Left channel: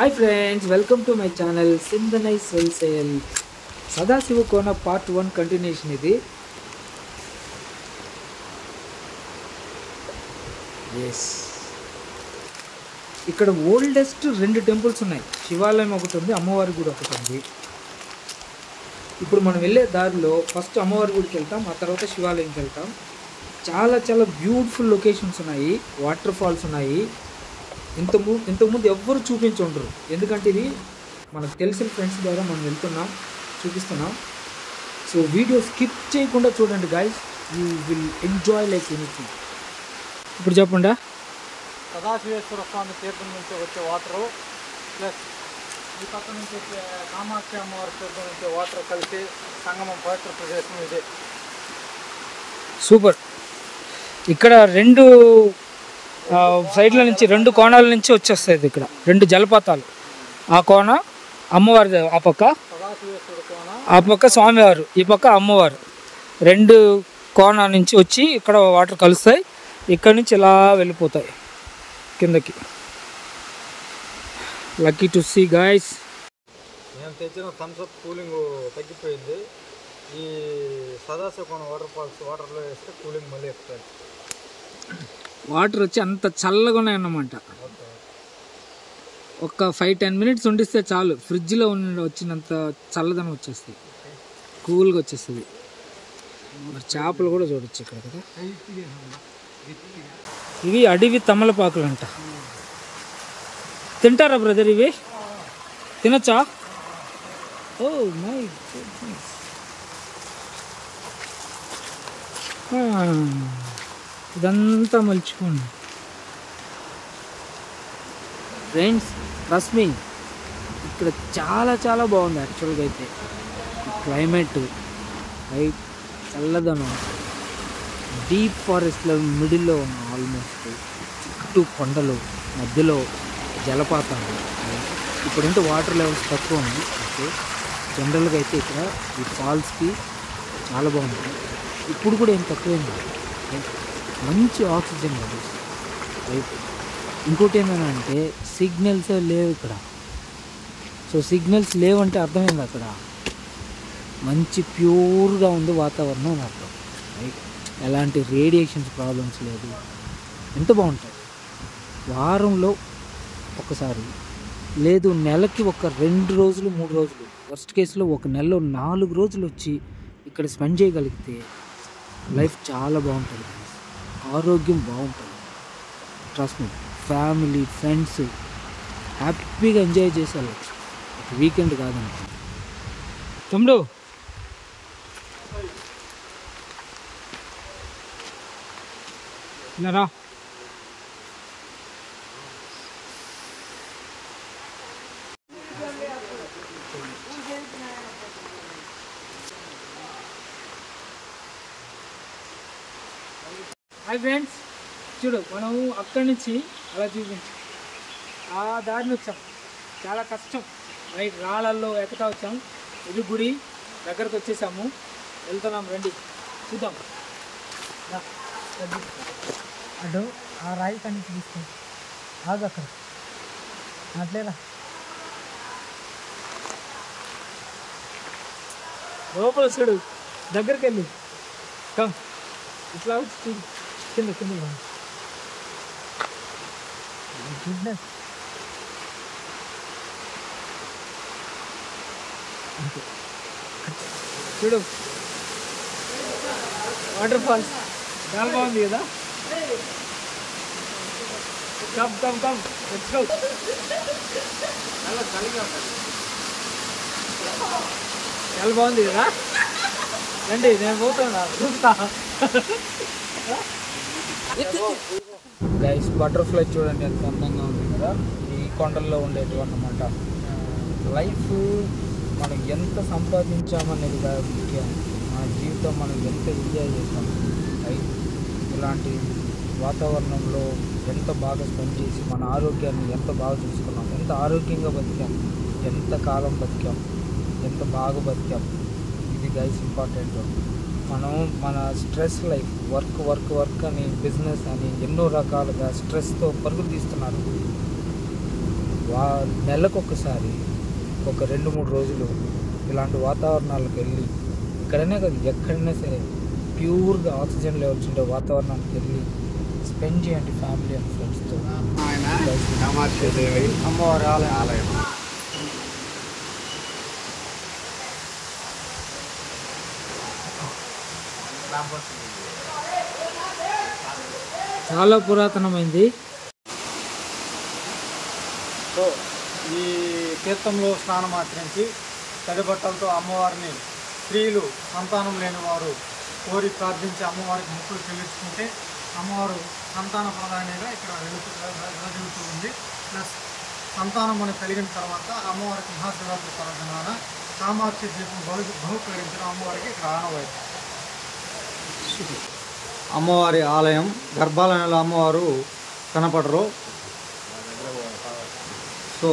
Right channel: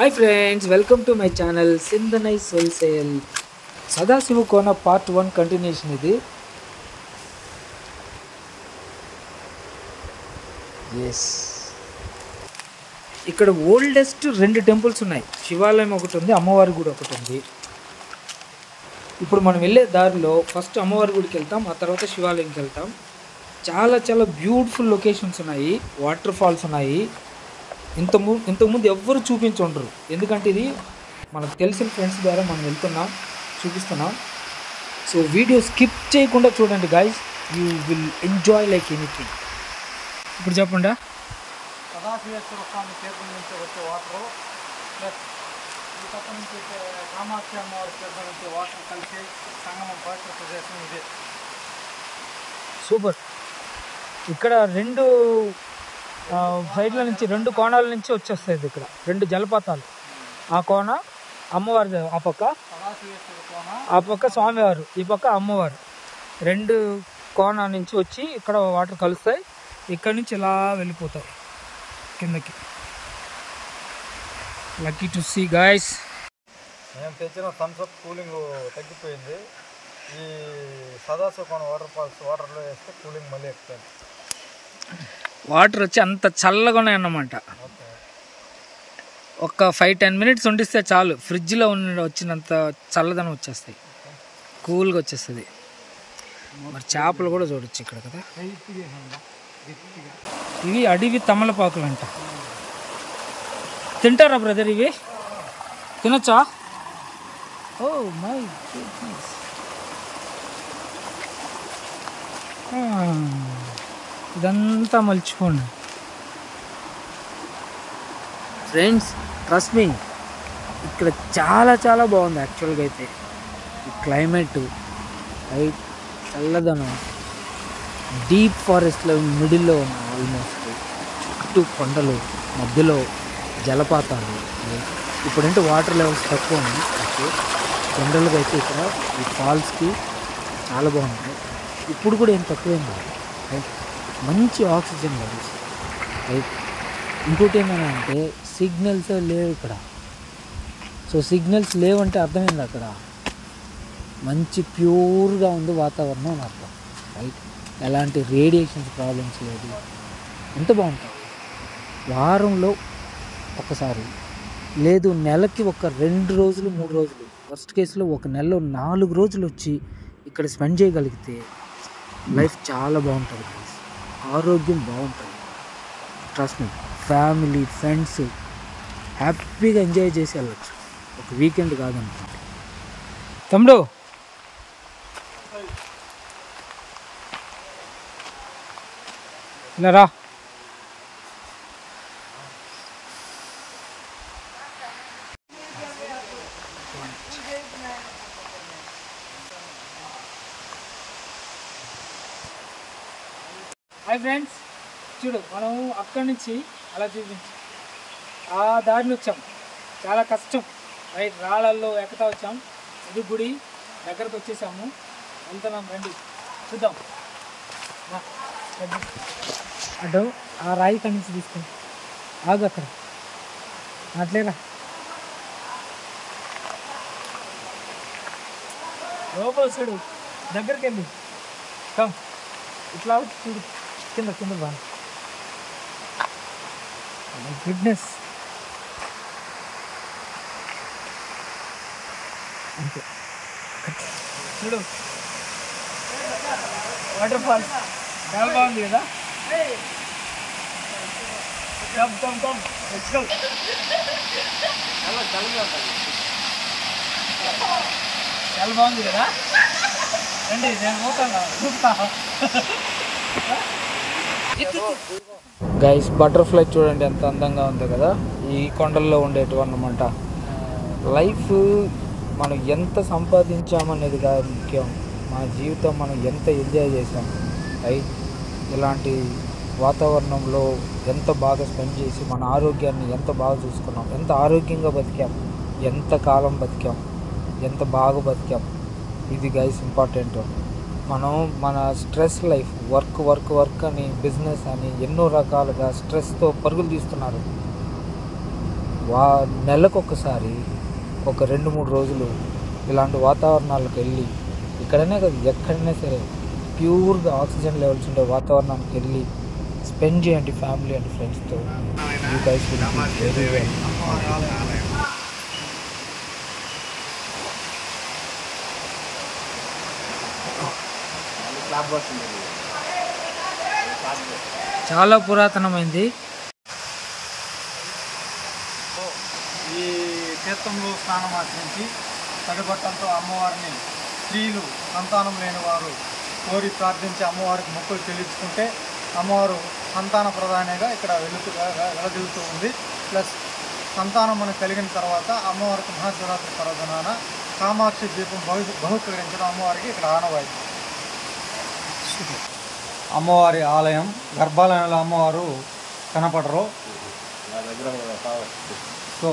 Hi friends, welcome to my channel Sindhanai Wholesale. Sadasiva Kona part 1 continuation ఇది. Yes. ఇక్కడ oldest 2 temples ఉన్నాయి. శివాలయం ఒకటి ఉంది, అమ్మవారి గుడి ఒకటి ఉంది. ఇప్పుడు మనం వెళ్ళే దారిలో ఫస్ట్ అమ్మవారి గుడికి వెళ్తాం, ఆ తర్వాత శివాలయంకి వెళ్తాం. చాలా బ్యూటిఫుల్ లొకేషన్స్ ఉన్నాయి, వాటర్ ఫాల్స్ ఉన్నాయి. ఇంతకుముందు ఎవ్వరు చూపించుండరు, ఎందుకంటే ఇది మనకు తెలిసిన ఫ్రెండ్స్ ద్వారా మనం వెళ్తున్నాం, చూపిస్తున్నాం. సో వీడియో స్కిప్ చేయకుండా చూడండి guys, you will enjoy like anything. ఇప్పుడు చెప్పండి. సదాశివేశ్వర స్వామి తీర్థం నుంచి వచ్చే వాటరు ప్లస్ ఈ పక్క నుంచి వచ్చే కామాక్షి అమ్మవారి తీర్థం నుంచి వాటర్ కలిసి సంగమం పవిత్ర ప్రదేశం ఇదే. సూపర్. ఇక్కడ 2 సైడ్ల నుంచి 2 కోణాల నుంచి వచ్చేస్తుంది. ఇక్కడ 2 జలపాతాలు, ఆ కోణ అమ్మవారి, ఆ పక్క సదాశివేశ్వర కోణ, ఆ పక్క స్వామివారు, ఈ పక్క అమ్మవారు. 2 కోణాల నుంచి వచ్చి ఇక్కడ వాటర్ కలుస్తాయి, ఇక్కడ నుంచి ఇలా వెళ్ళిపోతాయి కిందకి. Lucky to see guys. మేము తెచ్చిన థమ్స్అప్ కూలింగ్ తగ్గిపోయింది. ఈ సదాశివ కోణ వాటర్ ఫాల్స్ వాటర్లో వేస్తే కూలింగ్ మళ్ళీ ఎక్కుతుంది. వాటర్ వచ్చి అంత చల్లగా ఉన్నాయన్నమాట. ఒక 5-10 మినిట్స్ ఉండిస్తే చాలు, ఫ్రిడ్జ్లో వచ్చినంత చల్లదనం వచ్చేస్తాయి, కూల్గా వచ్చేస్తుంది. మరి చేపలు కూడా చూడొచ్చు ఇక్కడ కదా. ఇవి అడవి తమలపాకులు అంట. తింటారా బ్రదర్? ఇవి తినచ్చా? Oh my goodness. ఇదంతా మర్చిపోండి ఫ్రెండ్స్, ట్రస్ట్ మీ, ఇక్కడ చాలా బాగుంది యాక్చువల్గా అయితే. ఈ క్లైమేట్ రైట్, చల్లదనం, డీప్ ఫారెస్ట్లో మిడిల్లో ఉన్న, ఆల్మోస్ట్ చుట్టూ కొండలు, మధ్యలో జలపాతాలు. ఇప్పుడంటే వాటర్ లెవెల్స్ తక్కువ ఉన్నాయి, ఓకే. జనరల్గా అయితే ఇక్కడ ఈ ఫాల్స్కి చాలా బాగుంటుంది. ఇప్పుడు కూడా ఏం తక్కువేం కాదు రైట్. మంచి ఆక్సిజన్ లెవెల్స్ రైట్. ఇంకోటి ఏంటంటే సిగ్నల్స్ లేవు ఇక్కడ. సో సిగ్నల్స్ లేవంటే అర్థమైంది, అక్కడ మంచి ప్యూర్గా ఉంది వాతావరణం అని అర్థం రైట్. ఎలాంటి రేడియేషన్స్ ప్రాబ్లమ్స్ లేదు, ఎంత బాగుంటుంది. వారంలో ఒకసారి, లేదు నెలకి ఒక 2 రోజులు 3 రోజులు, వర్స్ట్ కేసులో ఒక నెలలో 4 రోజులు వచ్చి ఇక్కడ స్పెండ్ చేయగలిగితే లైఫ్ చాలా బాగుంటుంది, ఆరోగ్యం బాగుంటుంది. ట్రస్ట్ మీ, ఫ్యామిలీ ఫ్రెండ్స్ హ్యాపీగా ఎంజాయ్ చేసి వెళ్ళచ్చు, ఒక వీకెండ్ కాదనుకోండి. తమ్ముడు ఇలా రా. హాయ్ ఫ్రెండ్స్, చూడు మనం అక్కడి నుంచి అలా చూపించాం, ఆ దారిని వచ్చాం, చాలా కష్టం రైట్, రాళ్ళల్లో ఎక్కుతా వచ్చాం. ఇది గుడి దగ్గరకు వచ్చేసాము, వెళ్తున్నాం, రండి చూద్దాం. అటు ఆ రాయి కాడి నుంచి తీసుకుంటాం, ఆగు అక్కడ అట్లేరా, లోపల చూడు, దగ్గరికి వెళ్ళి కమ్, ఇట్లా చూడు, కింద బాగా గుడ్నెస్. చూడు వాటర్ ఫాల్ చాలా బాగుంది కదా. Come let's go. చాలా బాగుంది కదా, రండి, నేను పోతాను చూస్తా. గైస్, బటర్ఫ్లై చూడండి ఎంత అందంగా ఉంది కదా, ఈ కొండల్లో ఉండేటివి అన్నమాట. లైఫ్ మనం ఎంత సంపాదించామనేది కాదు ముఖ్యం, మన జీవితం మనం ఎంత ఎంజాయ్ చేసాం రైట్. ఇలాంటి వాతావరణంలో ఎంత బాగా స్పెండ్ చేసి మన ఆరోగ్యాన్ని ఎంత బాగా చూసుకున్నాం, ఎంత ఆరోగ్యంగా బతికాం, ఎంత కాలం బతికాం, ఎంత బాగా బతికాం, ఇది గైస్ ఇంపార్టెంట్. మనం మన స్ట్రెస్ లైఫ్, వర్క్ అని, బిజినెస్ అని ఎన్నో రకాలుగా స్ట్రెస్తో పరుగులు తీస్తున్నారు. నెలకొకసారి ఒక 2-3 రోజులు ఇలాంటి వాతావరణాలకు వెళ్ళి, ఇక్కడనే కాదు ఎక్కడైనా సరే ప్యూర్గా ఆక్సిజన్ లెవెల్స్ ఉండే వాతావరణానికి వెళ్ళి స్పెండ్ చేయండి ఫ్యామిలీ అండ్ ఫ్రెండ్స్తో. చాలా పురాతనమైంది. సో ఈ తీర్థంలో స్నానం ఆచరించి తడిబట్టలతో అమ్మవారిని స్త్రీలు సంతానం లేని వారు కోరి ప్రార్థించి అమ్మవారికి మొక్కులు చెల్లించుకుంటే అమ్మవారు సంతాన ప్రధానిగా ఇక్కడ వెలదిల్లుతూ ఉంది. ప్లస్ సంతానం మనకు కలిగిన తర్వాత అమ్మవారికి మహాశివరాత్రి పర్వదినాన కామాక్షి దీపం బహుకరించడం అమ్మవారికి ఇక్కడ ఆనవాయితీ. అమ్మవారి ఆలయం గర్భాలయంలో అమ్మవారు కనపడరు. సో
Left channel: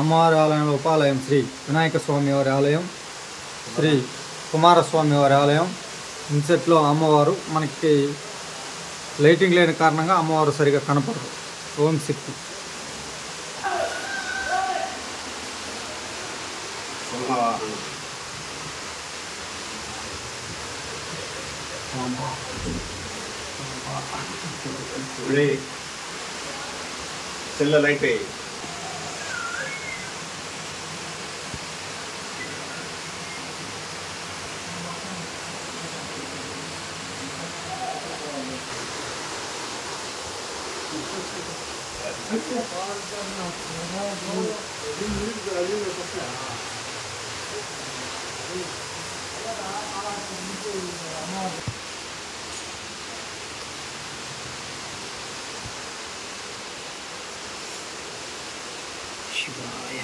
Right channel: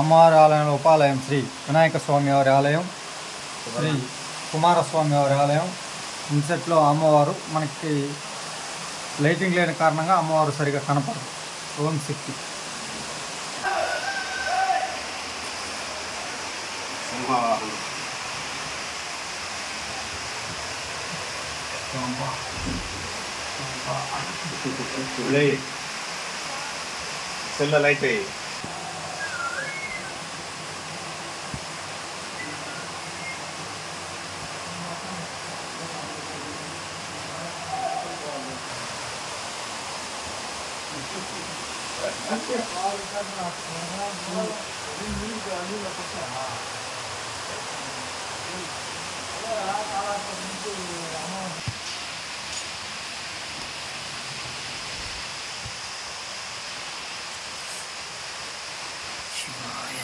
అమ్మవారి ఆలయంలో ఉపాలయం శ్రీ వినాయక స్వామి వారి ఆలయం, శ్రీ కుమారస్వామి వారి ఆలయం. ఇన్సెట్లో అమ్మవారు మనకి లైటింగ్ లేని కారణంగా అమ్మవారు సరిగా కనపడరు. ఓం శక్తి. సెల్లలైతే శివాయ.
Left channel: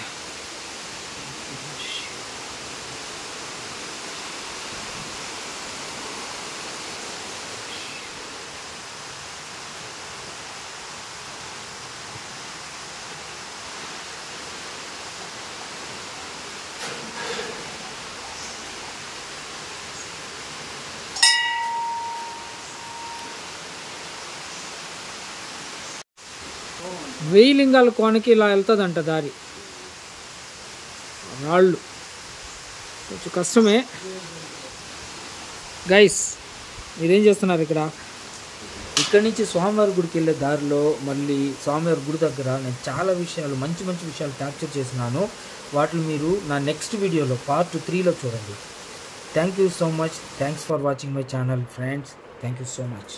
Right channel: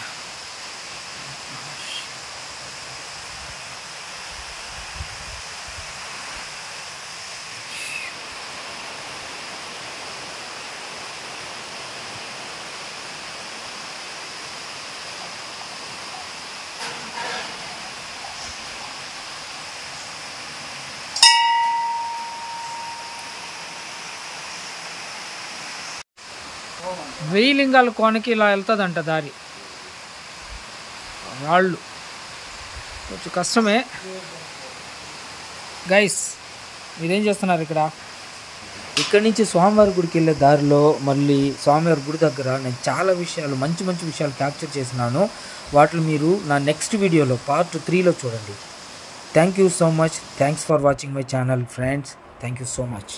వెయ్యి లింగాల కోనకి ఇలా వెళ్తుందంట దారి. రాళ్ళు కొంచెం కష్టమే. గైస్ మీరేం చేస్తున్నారు ఇక్కడ? ఇక్కడి నుంచి స్వామివారి గుడికి వెళ్ళే దారిలో మళ్ళీ స్వామివారి గుడి దగ్గర నేను చాలా విషయాలు మంచి మంచి విషయాలు క్యాప్చర్ చేసినాను. వాటిని మీరు నా నెక్స్ట్ వీడియోలో పార్ట్ 3లో చూడండి. Thank you so much. Thanks for watching my channel friends. Thank you so much.